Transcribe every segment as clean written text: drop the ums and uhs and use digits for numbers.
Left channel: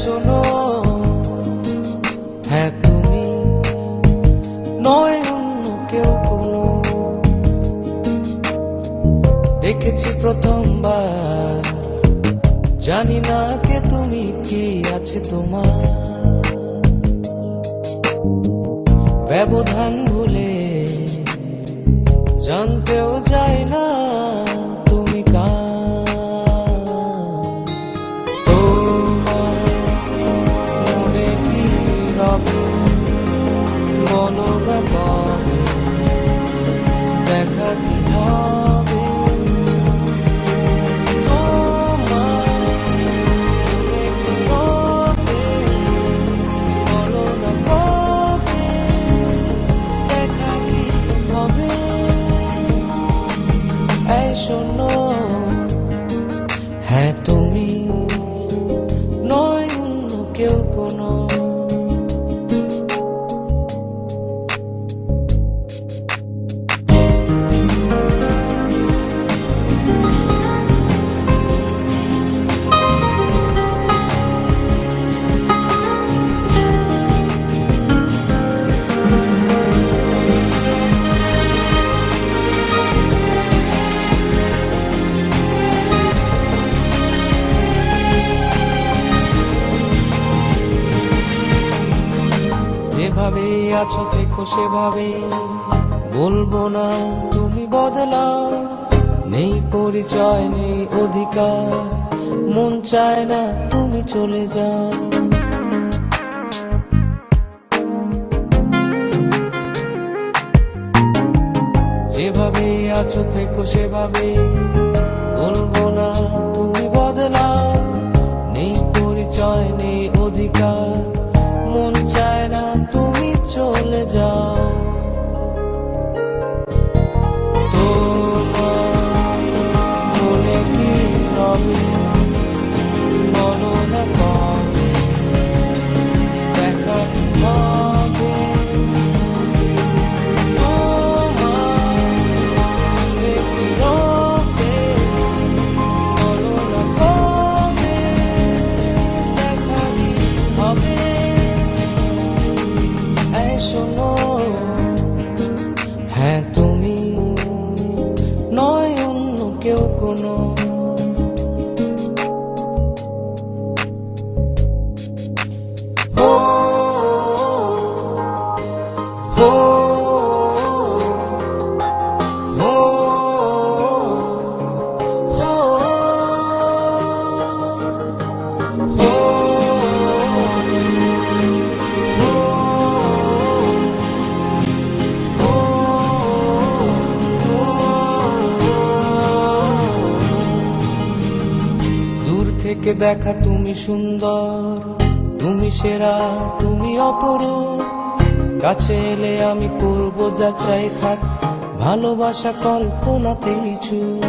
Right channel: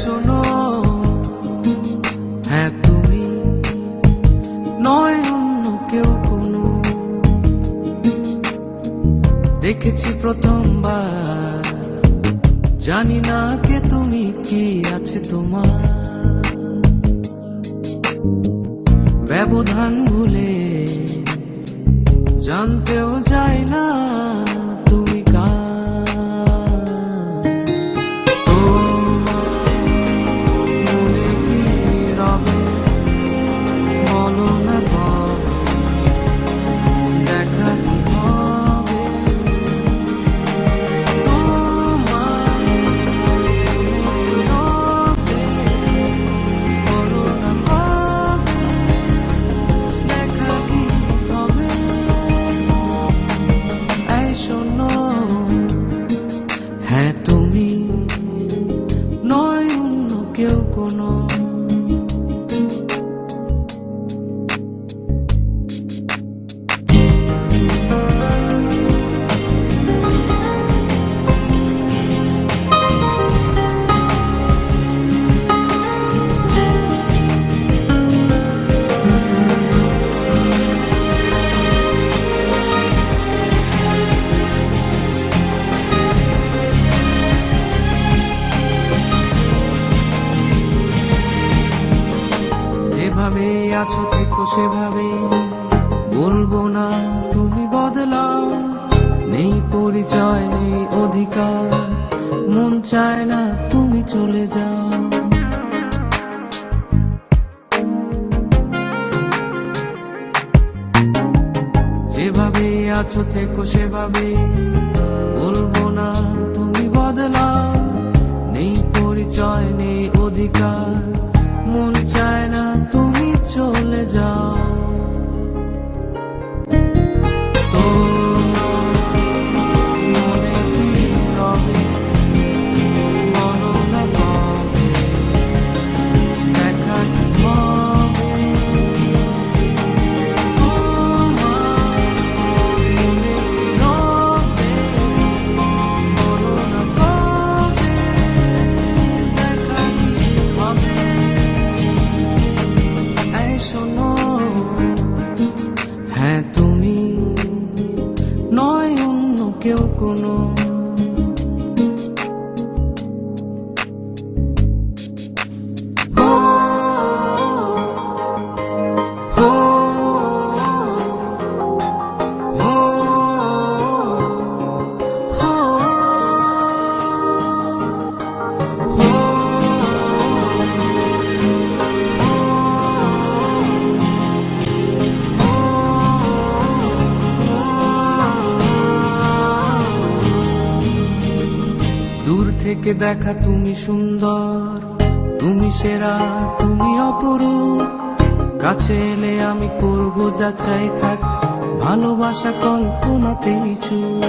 শোনো, হ্যাঁ তুমি, নয় অন্য কেউ কোনো। দেখেছি প্রথমবার, জানি না কে তুমি, কি আছে তোমার। ব্যবধান ভুলে জানতেও যায় না তুমি কার। তোমার মনে কি রবে, বলো না কবে দেখা কি হবে। তোমার মনে কি রবে, বলো না কবে দেখা কি হবে। এই শোনো, হ্যাঁ তুমি, নয় অন্য কেউ কোনো। যেভাবে আছো থেকো সেভাবে, বলবো না তুমি বদলাও। নেই পরিচয় নেই অধিকার, মন চায় না তুমি চলে যাও। যেভাবে আছো থেকো সেভাবে, বলবো না তুমি বদলাও। নেই পরিচয় নেই অধিকার, মন চায় না তুমি চলে যাও। তোমার মনে কি রবে, বলো না কবে দেখা কি হবে। তোমার মনে কি রবে, বলো না কবে দেখা কি হবে। এই শোনো, হ্যাঁ তুমি, নয় অন্য কেউ কোনো। দূর থেকে দেখা তুমি সুন্দর, তুমি সেরা, তুমি অপরূপ। কাছে এলে আমি করব যা চাই, থাক ভালোবাসা কল্পনাতেই চুপ।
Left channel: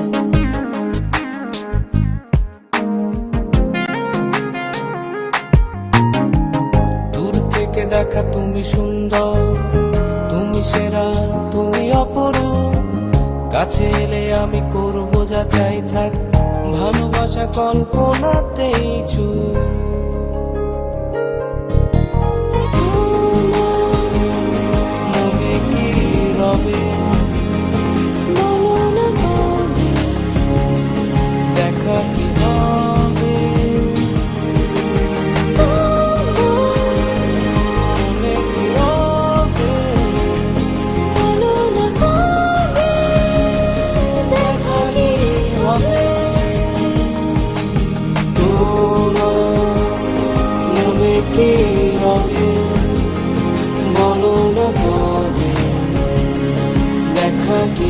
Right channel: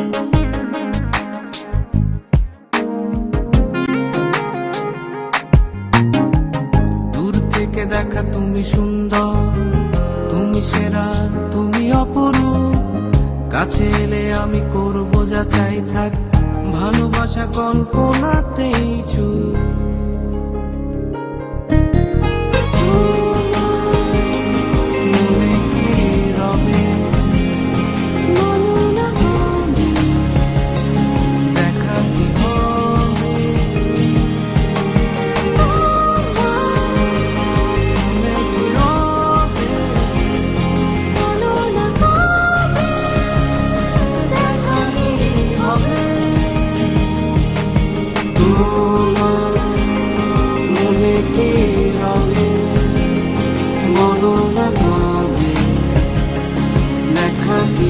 দূর থেকে দেখা তুমি সুন্দর, তুমি সেরা, তুমি অপরূপ। কাছে এলে আমি করব যা চাই, থাক ভালোবাসা কল্পনাতেই চুপ। মনে কি রবে, বলো না কবে দেখা কি হবে। মনে কি রবে, বলো না কবে দেখা কি হবে। তোমার মনে কি রবে, বলো না কবে দেখা কি